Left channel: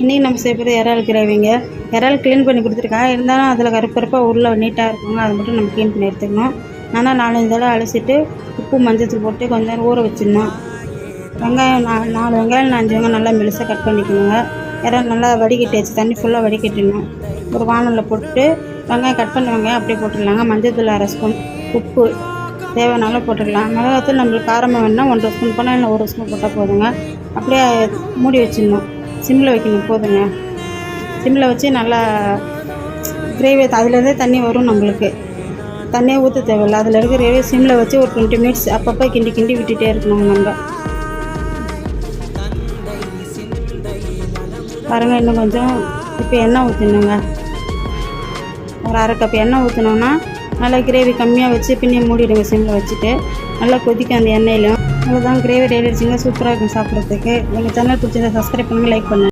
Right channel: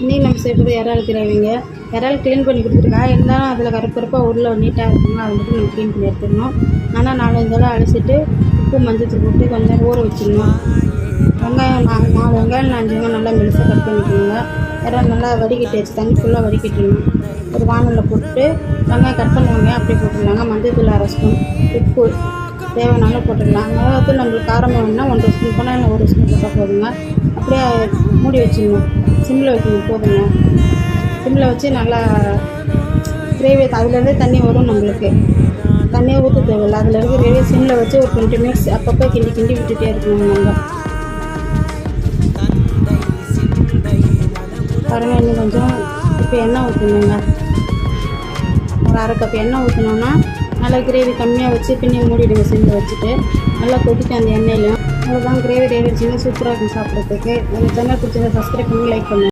இன்றைக்கி நம்ம செய்வது இறால் கிரேவிங்க. இறால் க்ளீன் பண்ணி கொடுத்துருக்காங்க. இருந்தாலும் அதில் கருப்பருப்பாக உள்ள நீட்டாக இருக்குங்க. அதை மட்டும் நம்ம க்ளீன் பண்ணி எடுத்துக்கணும். ஆனால் 4-5 தடவை அலசிட்டு உப்பு மஞ்சத்தூள் போட்டு கொஞ்சம் நேரம் ஊற வச்சிடணும். வெங்காயம் 4 வெங்காயம் 5 வெங்காயம் நல்லா மெலிசாக கட் பண்ணிக்கணுங்க. இறால் நல்லா வடிகட்டி வச்சு தண்ணி ஃபுல்லாக வடிகட்டிடணும். ஒரு வானலில் போட்டு வெங்காயம் கட் பண்ணி வெங்காயம் அப்படியே போட்டுடலாங்க. மஞ்சத்தூள் 1/2 ஸ்பூன், உப்பு தேவையான போட்டுக்கலாம். மிளகாத்தூள் நம்மளுக்கு காரமாக வேணுன்னா 1 ஸ்பூன் போனால் இல்லை 1 ஸ்பூன் போட்டால் போதுங்க. அப்படியே மூடி வச்சிடணும். சிம்மில் வைக்கணும். போதுங்க. சிம்மில் வச்சு நல்லா கிரேவி அதுலேருந்தே தண்ணி வரும். நம்மளுக்கு தண்ணியே ஊற்ற தேவையில்லை. அதில் இருக்கிற கிரேவி சிம்மில் வச்சு ஒரு 20 மினிட்ஸ் அப்பப்போ கிண்டி விட்டுட்டே இருக்கணும். நம்ம பாருங்கள். இன்னும் கொஞ்சம் இப்போ எண்ணெய் ஊற்றணுங்க. ஒரு 1/2 கப் எண்ணெய் ஊற்றினோன்னா நல்லா கிரேவி கம்மியாக வச்சு பின்னி மூடிடுங்க. சிம்மில் வச்சுட்டு நல்லா கொதிக்க அந்த எண்ணெயிலையும். அதுதான் கிரேவி ரெடி ஆகிடுச்சிங்க. சூப்பராக இருக்கும் சாப்பிட்றதுக்கு. எங்கள் சேனல் பிடிச்சிருந்தா சப்ஸ்கிரைப் பண்ணி லைக் பண்ணுங்கள்.